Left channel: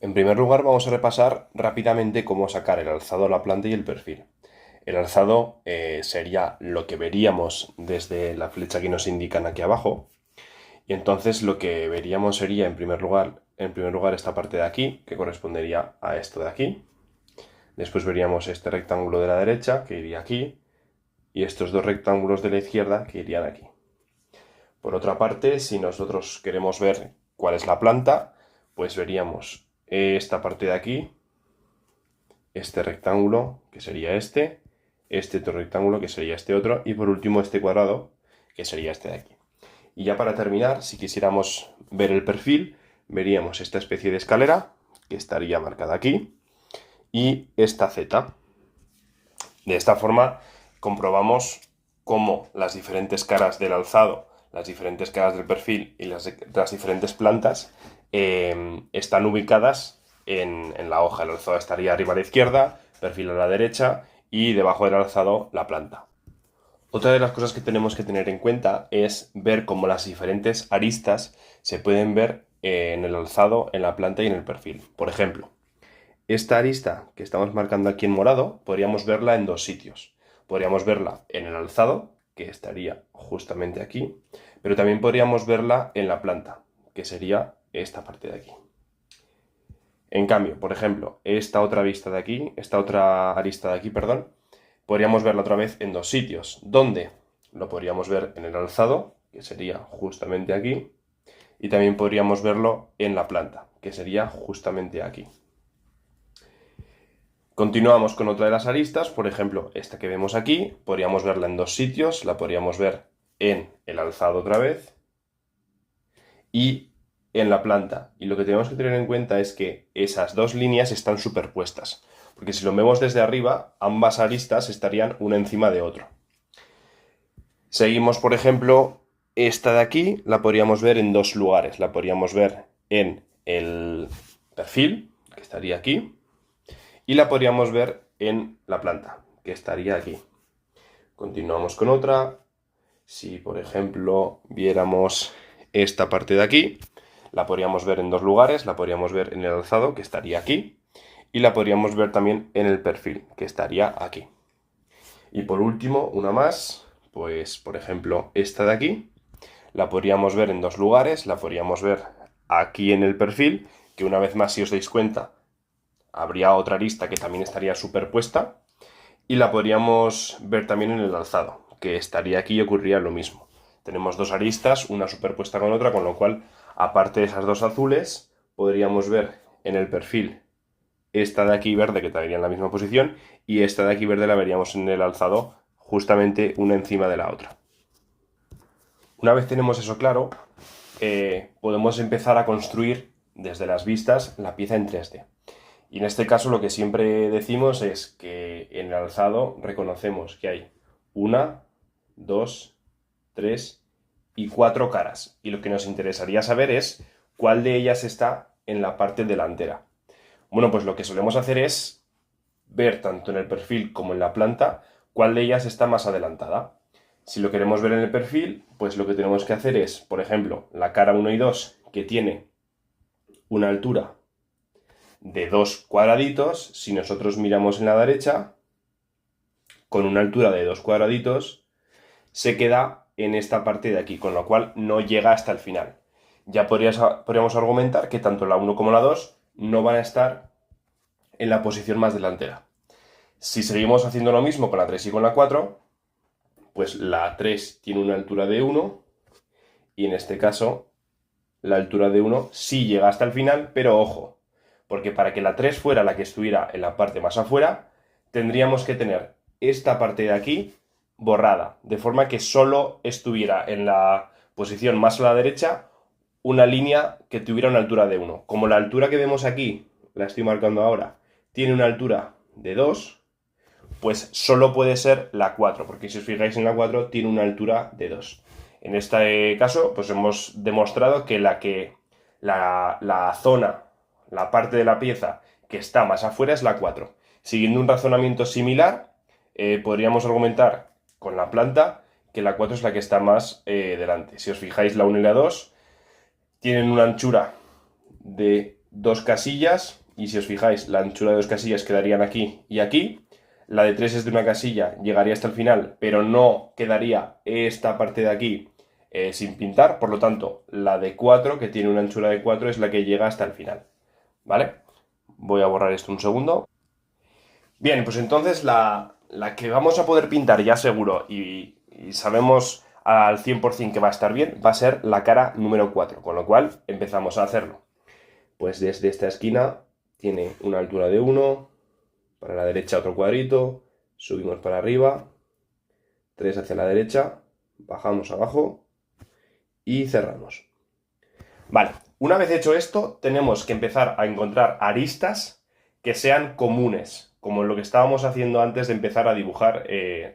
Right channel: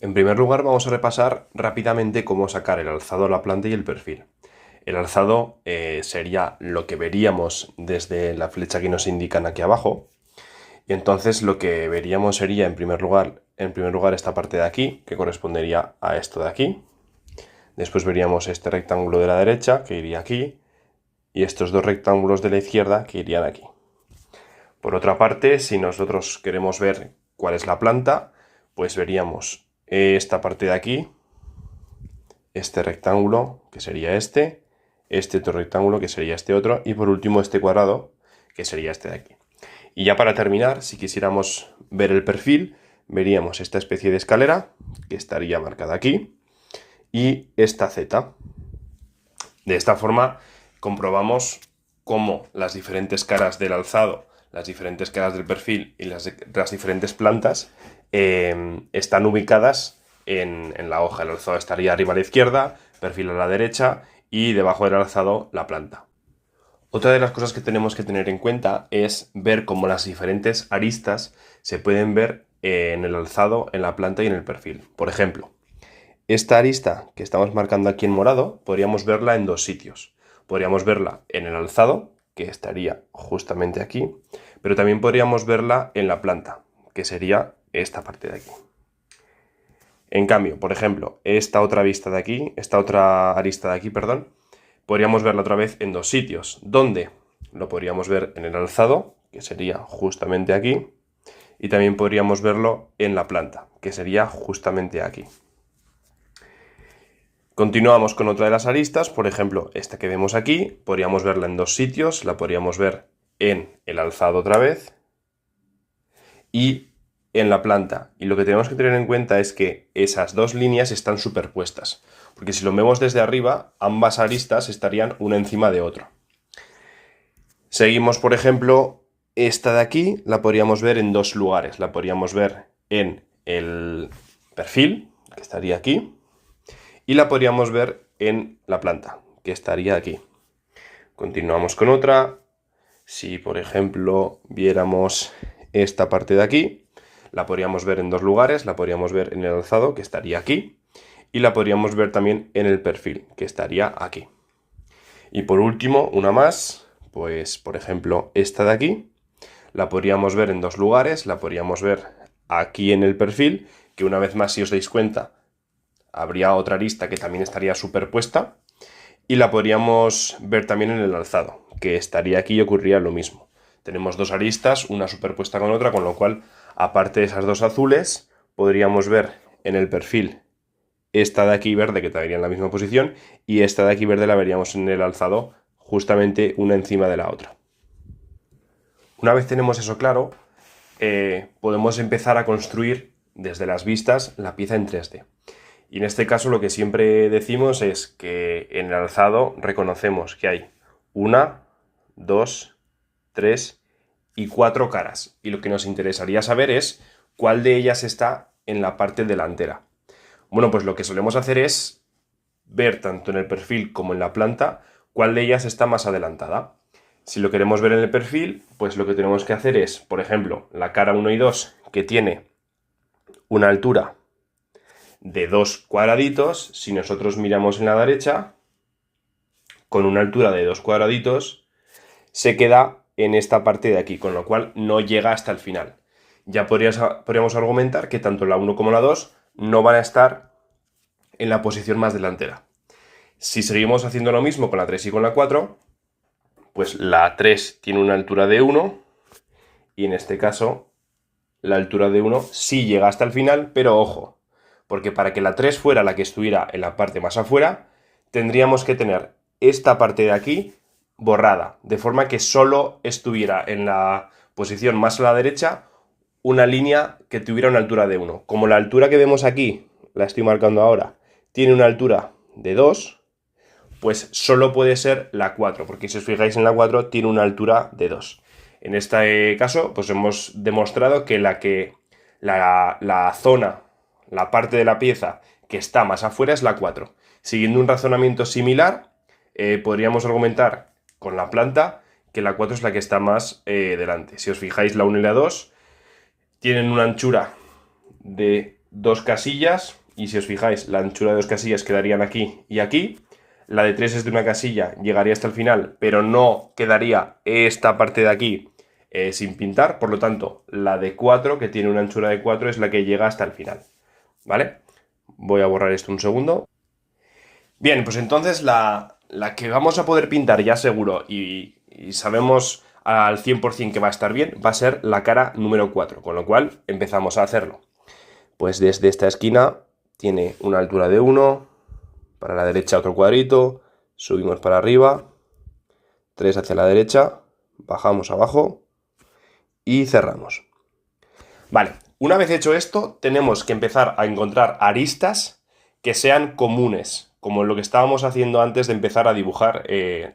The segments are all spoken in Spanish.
En primer lugar, vamos a repasar rápidamente cómo sacar el alzado, la planta y el perfil. El alzado sería lo que veríamos desde la flecha que nos indican aquí abajo. Y entonces lo que veríamos sería en primer lugar esta parte de aquí, que correspondería a esto de aquí. Después veríamos este rectángulo de la derecha, que iría aquí, y estos dos rectángulos de la izquierda, que irían aquí. Por otra parte, si nosotros queremos ver cuál es la planta, pues veríamos esta parte de aquí, este rectángulo, que sería este otro rectángulo, que sería este otro, y por último este cuadrado, que sería este de aquí. Y ya para terminar, si quisiéramos ver el perfil, veríamos esta especie de escalera, que estaría marcada aquí, y esta Z. De esta forma comprobamos cómo las diferentes caras del alzado, las diferentes caras del perfil y las diferentes plantas están ubicadas en la hoja. El alzado estaría arriba a la izquierda, perfil a la derecha y debajo del alzado la planta. Otra de las cosas que tenemos que tener en cuenta es ver cómo las diferentes aristas se pueden ver en el alzado, en la planta y en el perfil. Por ejemplo, esta arista que estamos marcando aquí en morado, podríamos verla en dos sitios. Podríamos verla en el alzado, que estaría justamente aquí, pero también podríamos verla en la planta, que sería esta parte de aquí. En cambio, por ejemplo, esta otra arista de aquí, perdón, podríamos verla otra vez en dos sitios. ¿Dónde? Lo podríamos ver en el alzado, que sería justamente aquí, y también podríamos verlo en la planta, que sería justamente aquí. Continuamos con otra de las aristas, por ejemplo, esta que vemos aquí, podríamos verla en dos sitios, la podríamos ver en el alzado otra vez y en la planta. Y lo que tenemos que tener en cuenta es que esas dos líneas están superpuestas, porque si lo vemos desde arriba, ambas aristas estarían una encima de otra. Seguimos, por ejemplo, esta de aquí la podríamos ver en dos lugares. La podríamos ver en el perfil, que estaría aquí, y la podríamos ver en la planta, que estaría aquí. Continuamos con otra. Si, por ejemplo, viéramos esta parte de aquí, la podríamos ver en dos lugares. La podríamos ver en el alzado, que estaría aquí, y la podríamos ver también en el perfil, que estaría aquí. Y por último, una más, pues por ejemplo esta de aquí, la podríamos ver en dos lugares. La podríamos ver aquí en el perfil, que una vez más, si os dais cuenta, habría otra arista que también estaría superpuesta, y la podríamos ver también en el alzado, que estaría aquí y ocurriría lo mismo. Tenemos dos aristas, una superpuesta con otra, con lo cual, aparte de esas dos azules, podríamos ver en el perfil esta de aquí verde, que estaría en la misma posición, y esta de aquí verde la veríamos en el alzado, justamente una encima de la otra. Una vez tenemos eso claro, podemos empezar a construir desde las vistas la pieza en 3D. Y en este caso lo que siempre decimos es que en el alzado reconocemos que hay una, dos, tres y cuatro caras. Y lo que nos interesaría saber es cuál de ellas está en la parte delantera. Bueno, pues lo que solemos hacer es ver tanto en el perfil como en la planta cuál de ellas está más adelantada. Si lo queremos ver en el perfil, pues lo que tenemos que hacer es, por ejemplo, la cara 1 y 2, que tiene una altura de dos cuadraditos. Si nosotros miramos en la derecha, con una altura de dos cuadraditos, se queda en esta parte de aquí, con lo cual no llega hasta el final. Ya podríamos argumentar que tanto la 1 como la 2 no van a estar en la posición más delantera. Si seguimos haciendo lo mismo con la 3 y con la 4, pues la 3 tiene una altura de 1 y en este caso la altura de 1 sí llega hasta el final, pero ojo, porque para que la 3 fuera la que estuviera en la parte más afuera, tendríamos que tener esta parte de aquí borrada, de forma que solo estuviera en la posición más a la derecha una línea que tuviera una altura de 1. Como la altura que vemos aquí, la estoy marcando ahora, tiene una altura de 2, pues solo puede ser la 4, porque si os fijáis en la 4 tiene una altura de 2. En este caso, pues hemos demostrado que la zona, la parte de la pieza que está más afuera es la 4. Siguiendo un razonamiento similar, podríamos argumentar con la planta que la 4 es la que está más delante. Si os fijáis, la 1 y la 2 tienen una anchura de 2 casillas, y si os fijáis, la anchura de 2 casillas quedarían aquí y aquí. La de 3 es de una casilla, llegaría hasta el final, pero no quedaría esta parte de aquí sin pintar. Por lo tanto, la de 4, que tiene una anchura de 4, es la que llega hasta el final. ¿Vale? Voy a borrar esto un segundo. Bien, pues entonces la que vamos a poder pintar ya seguro y sabemos al 100% que va a estar bien, va a ser la cara número 4, con lo cual empezamos a hacerlo. Pues desde esta esquina tiene una altura de 1, para la derecha otro cuadrito, subimos para arriba, 3 hacia la derecha, bajamos abajo y cerramos. Vale, una vez hecho esto, tenemos que empezar a encontrar aristas que sean comunes, como lo que estábamos haciendo antes de empezar a dibujar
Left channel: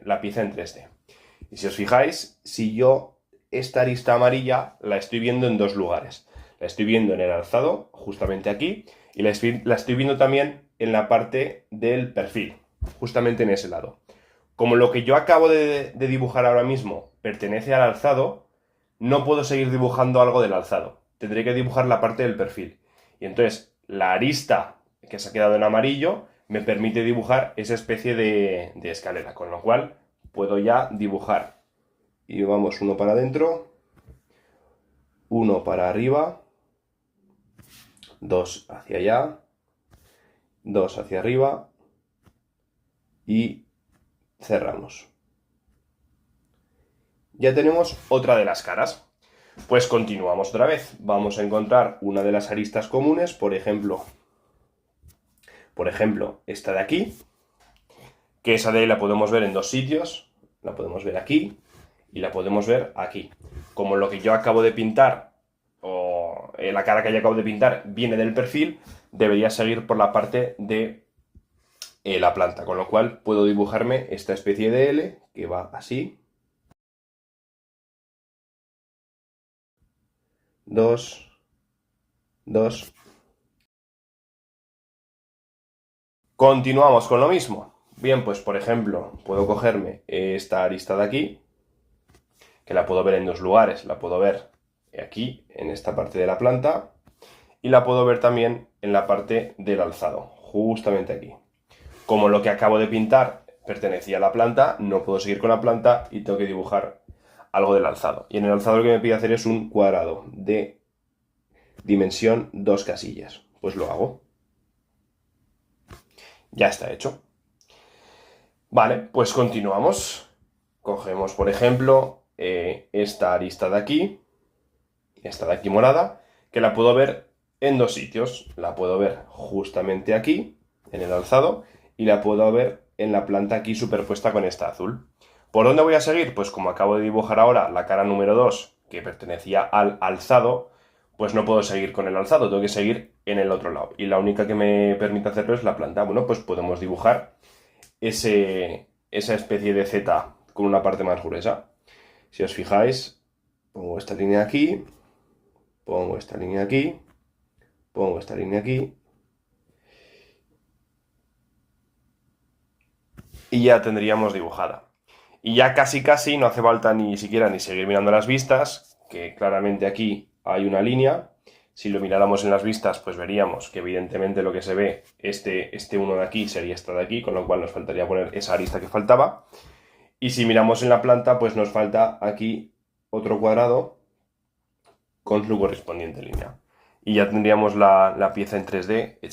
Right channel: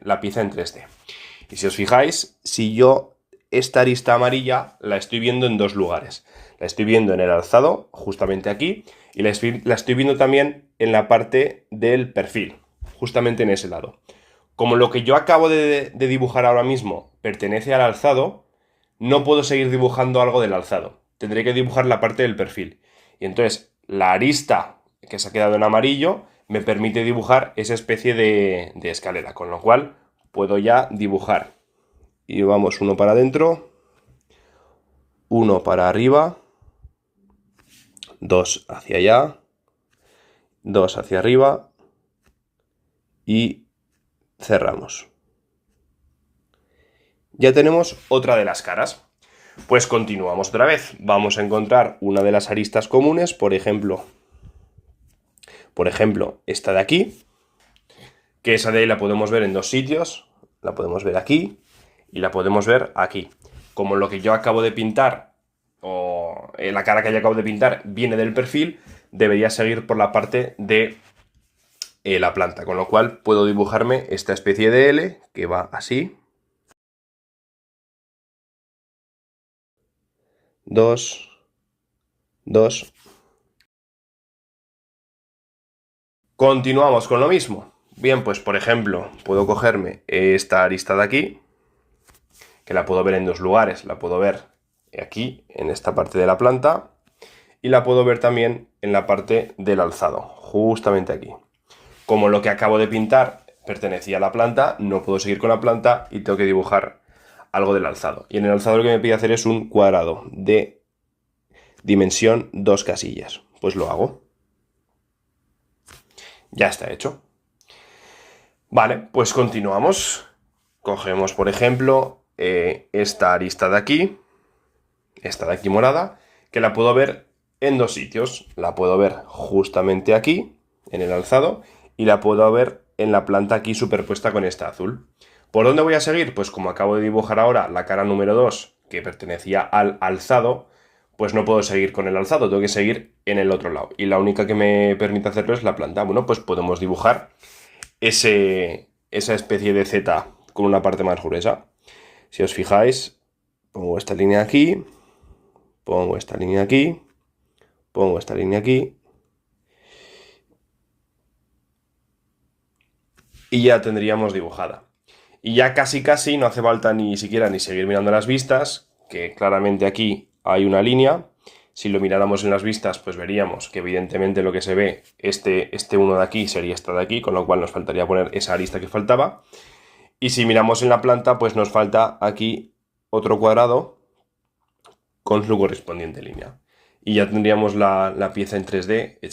la pieza en 3D. Y si os fijáis, si yo esta arista amarilla la estoy viendo en dos lugares. La estoy viendo en el alzado, justamente aquí, y la estoy viendo también en la parte del perfil, justamente en ese lado. Como lo que yo acabo de dibujar ahora mismo pertenece al alzado, no puedo seguir dibujando algo del alzado. Tendré que dibujar la parte del perfil. Y entonces la arista que se ha quedado en amarillo me permite dibujar esa especie de escalera, con lo cual puedo ya dibujar. Y vamos uno para adentro, uno para arriba, dos hacia allá, dos hacia arriba y cerramos. Ya tenemos otra de las caras. Pues continuamos otra vez. Vamos a encontrar una de las aristas comunes, por ejemplo, esta de aquí, que esa de ahí la podemos ver en dos sitios. La podemos ver aquí y la podemos ver aquí. Como lo que yo acabo de pintar, o la cara que yo acabo de pintar, viene del perfil, debería seguir por la parte de la planta. Con lo cual puedo dibujarme esta especie de L que va así. 2, 2. Continuamos con lo mismo. Bien, pues por ejemplo, puedo cogerme esta arista de aquí, que la puedo ver en dos lugares. La puedo ver aquí, en esta parte de la planta, y la puedo ver también en la parte del alzado, justamente aquí. Como lo que acabo de pintar pertenecía a la planta, no puedo seguir con la planta y tengo que dibujar algo del alzado. Y en el alzado lo que me pide hacer es un cuadrado de dimensión 2 casillas. Pues lo hago. Ya está hecho. Vale, pues continuamos. Cogemos, por ejemplo, esta arista de aquí, esta de aquí morada, que la puedo ver en dos sitios. La puedo ver justamente aquí, en el alzado, y la puedo ver en la planta aquí superpuesta con esta azul. ¿Por dónde voy a seguir? Pues como acabo de dibujar ahora la cara número 2, que pertenecía al alzado, pues no puedo seguir con el alzado, tengo que seguir en el otro lado. Y la única que me permite hacerlo es la planta. Bueno, pues podemos dibujar esa especie de Z con una parte más gruesa. Si os fijáis, pongo esta línea aquí, pongo esta línea aquí, pongo esta línea aquí, y ya tendríamos dibujada. Y ya casi no hace falta ni siquiera ni seguir mirando las vistas, que claramente aquí hay una línea. Si lo miráramos en las vistas, pues veríamos que evidentemente lo que se ve, este uno de aquí sería esta de aquí, con lo cual nos faltaría poner esa arista que faltaba. Y si miramos en la planta, pues nos falta aquí otro cuadrado con su correspondiente línea. Y ya tendríamos la pieza en 3D hecha.